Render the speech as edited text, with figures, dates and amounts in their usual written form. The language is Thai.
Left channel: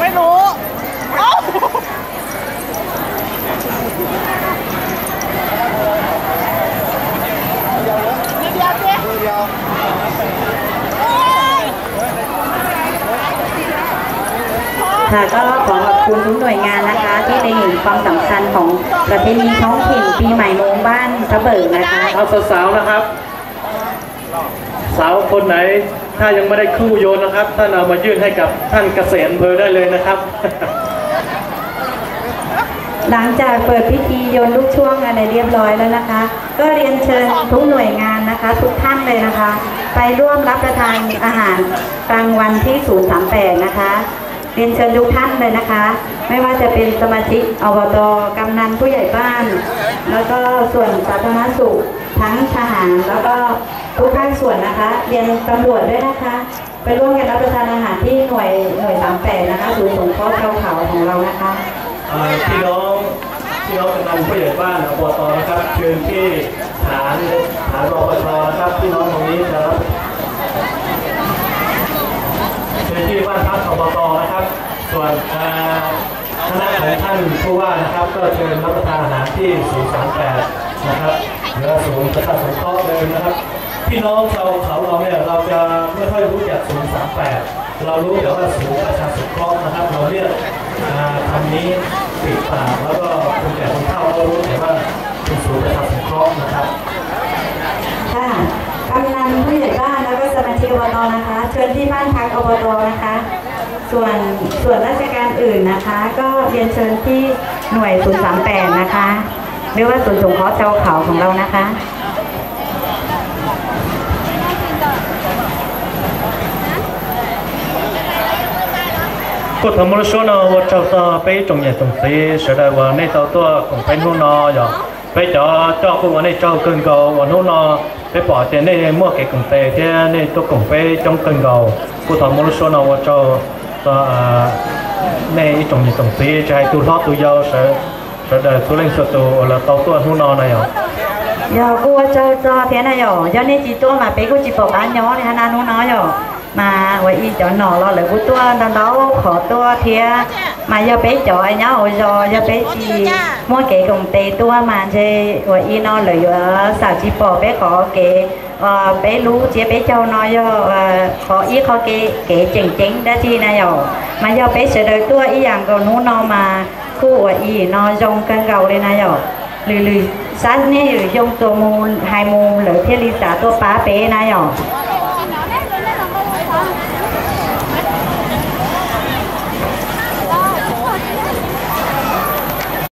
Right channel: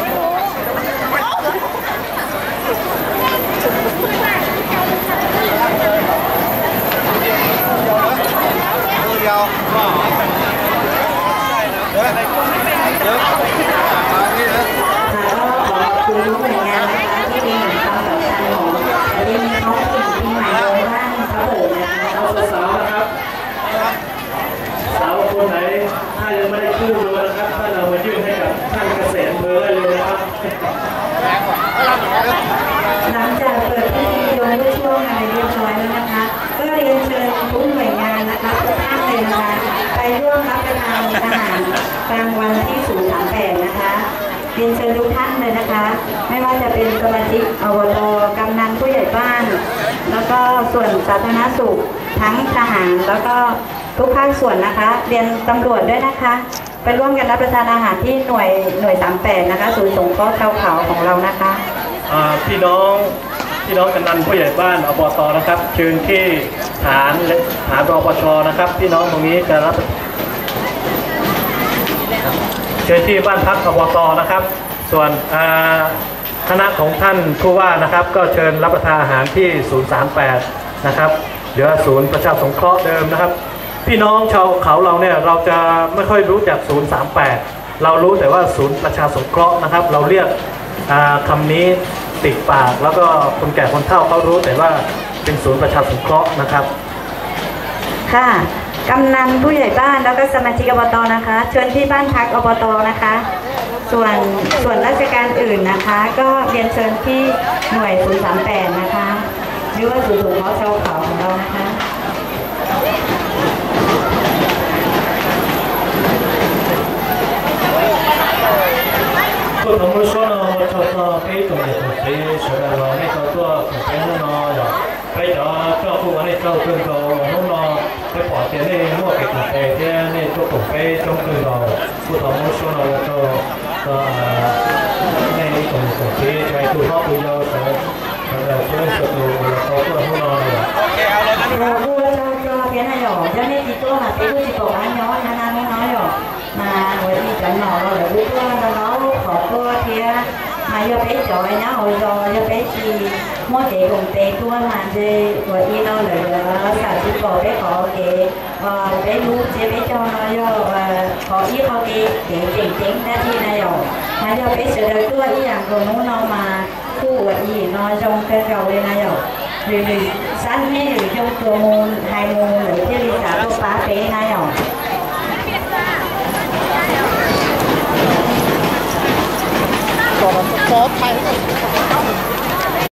ไม่รู้เดียวค่ะก็ขอขอบคุณทุกหน่วยงานนะคะที่ได้เห็นความสำคัญของประเพณีท้องถิ่นปีใหม่โรงบ้านทะเบิกนะคะเอาสาวๆนะครับสาวคนไหนถ้ายังไม่ได้คู่โยนนะครับท่านเอามายื่นให้กับท่านเกษตรอำเภอได้เลยนะครับ หลังจากเปิดพิธีโยนลูกช่วงอะไรเรียบร้อยแล้วนะคะก็เรียนเชิญทุกหน่วยงานนะคะทุกท่านเลยนะคะไปร่วมรับประทานอาหารกลางวันที่038นะคะเรียนเชิญทุกท่านเลยนะคะไม่ว่าจะเป็นสมาชิกอบต.กำนันผู้ใหญ่บ้านแล้วก็ส่วนสาธารณสุขทั้งทหารแล้วก็ทุกภาคส่วนนะคะเรียนตำรวจด้วยนะคะไปร่วมกันรับประทานอาหารที่หน่วย38นะคะศูนย์สงเคราะห์ชาวเขาของเรานะคะพี่น้องกำนันผู้ใหญ่บ้านอบต.นะครับเชิญที่ฐานรปช.นะครับพี่น้องตรงนี้จะรับเชิญที่บ้านพักอบต.นะครับส่วนคณะของท่านผู้ว่านะครับก็เชิญรับประทานอาหารที่038นะครับเดี๋ยวศูนย์ประชาสงเคราะห์เดิมนะครับพี่น้องชาวเขาเราเนี่ยเราจะไม่ค่อยรู้จัก038เรารู้แต่ว่าศูนย์ประชาสงเคราะห์นะครับเราเรียกคำนี้ติดปากแล้วก็คนแก่คนเฒ่าเขารู้แต่ว่าเป็นศูนย์ประชาสงเคราะห์นะครับค่ะกำนันผู้ใหญ่บ้านแล้วก็สมาชิกอบต.นะคะเชิญที่บ้านพักอบต.นะคะส่วนราชการอื่นนะคะก็เรียนเชิญที่หน่วย038นะคะหรือว่าศูนย์สงเคราะห์ชาวเขาของเรานะคะก็ทำมรสุนวัดเจ้าตัวไปตรงนี้ตรงนี้เสด็จวันนี้เจ้าตัวไปนู่นนออย่างไปเจ้าผู้วันนี้เจ้าขึ้นเกาวันนู้นนอไปปอดเจนี่มั่วเก่งไปเที่ยนี่ตัวกลุ่มไปจงขึ้นเกาก็ทำมรสุนวัดเจ้าตัวในตรงนี้จะให้ตัวทอดตัวยาวแต่ตัวเล่นสตูแล้วตัวนู่นนออะไรอย่าบัวเจ้าเพี้ยนอะไรย่อนี่จีตัวมาไปกูจีบอกบ้านย้อนนะนู่นน้อยมาไว้อีจอหนอเราเลยกูตัวเราขอตัวเทียมาย่อไปจ่อยเนาะย่อไปจีมั่วเก๋กงเตตัวมาเจไว้อีนอเลยสาวจีปอไปขอเก๋ไปรู้เจ๊ไปเจ้าน้อยขออีขอเก๋เจ๋งได้ทีนะมาย่อไปเสด็จตัวอีอย่างก็นู้นนอมาคู่ไว้อีนอจงกันเก่าเลยนะหรือสั้นนี่หรือยงตัวมูลไฮมูลหรือเทลิสาตัวป้าเป้นะขอใคร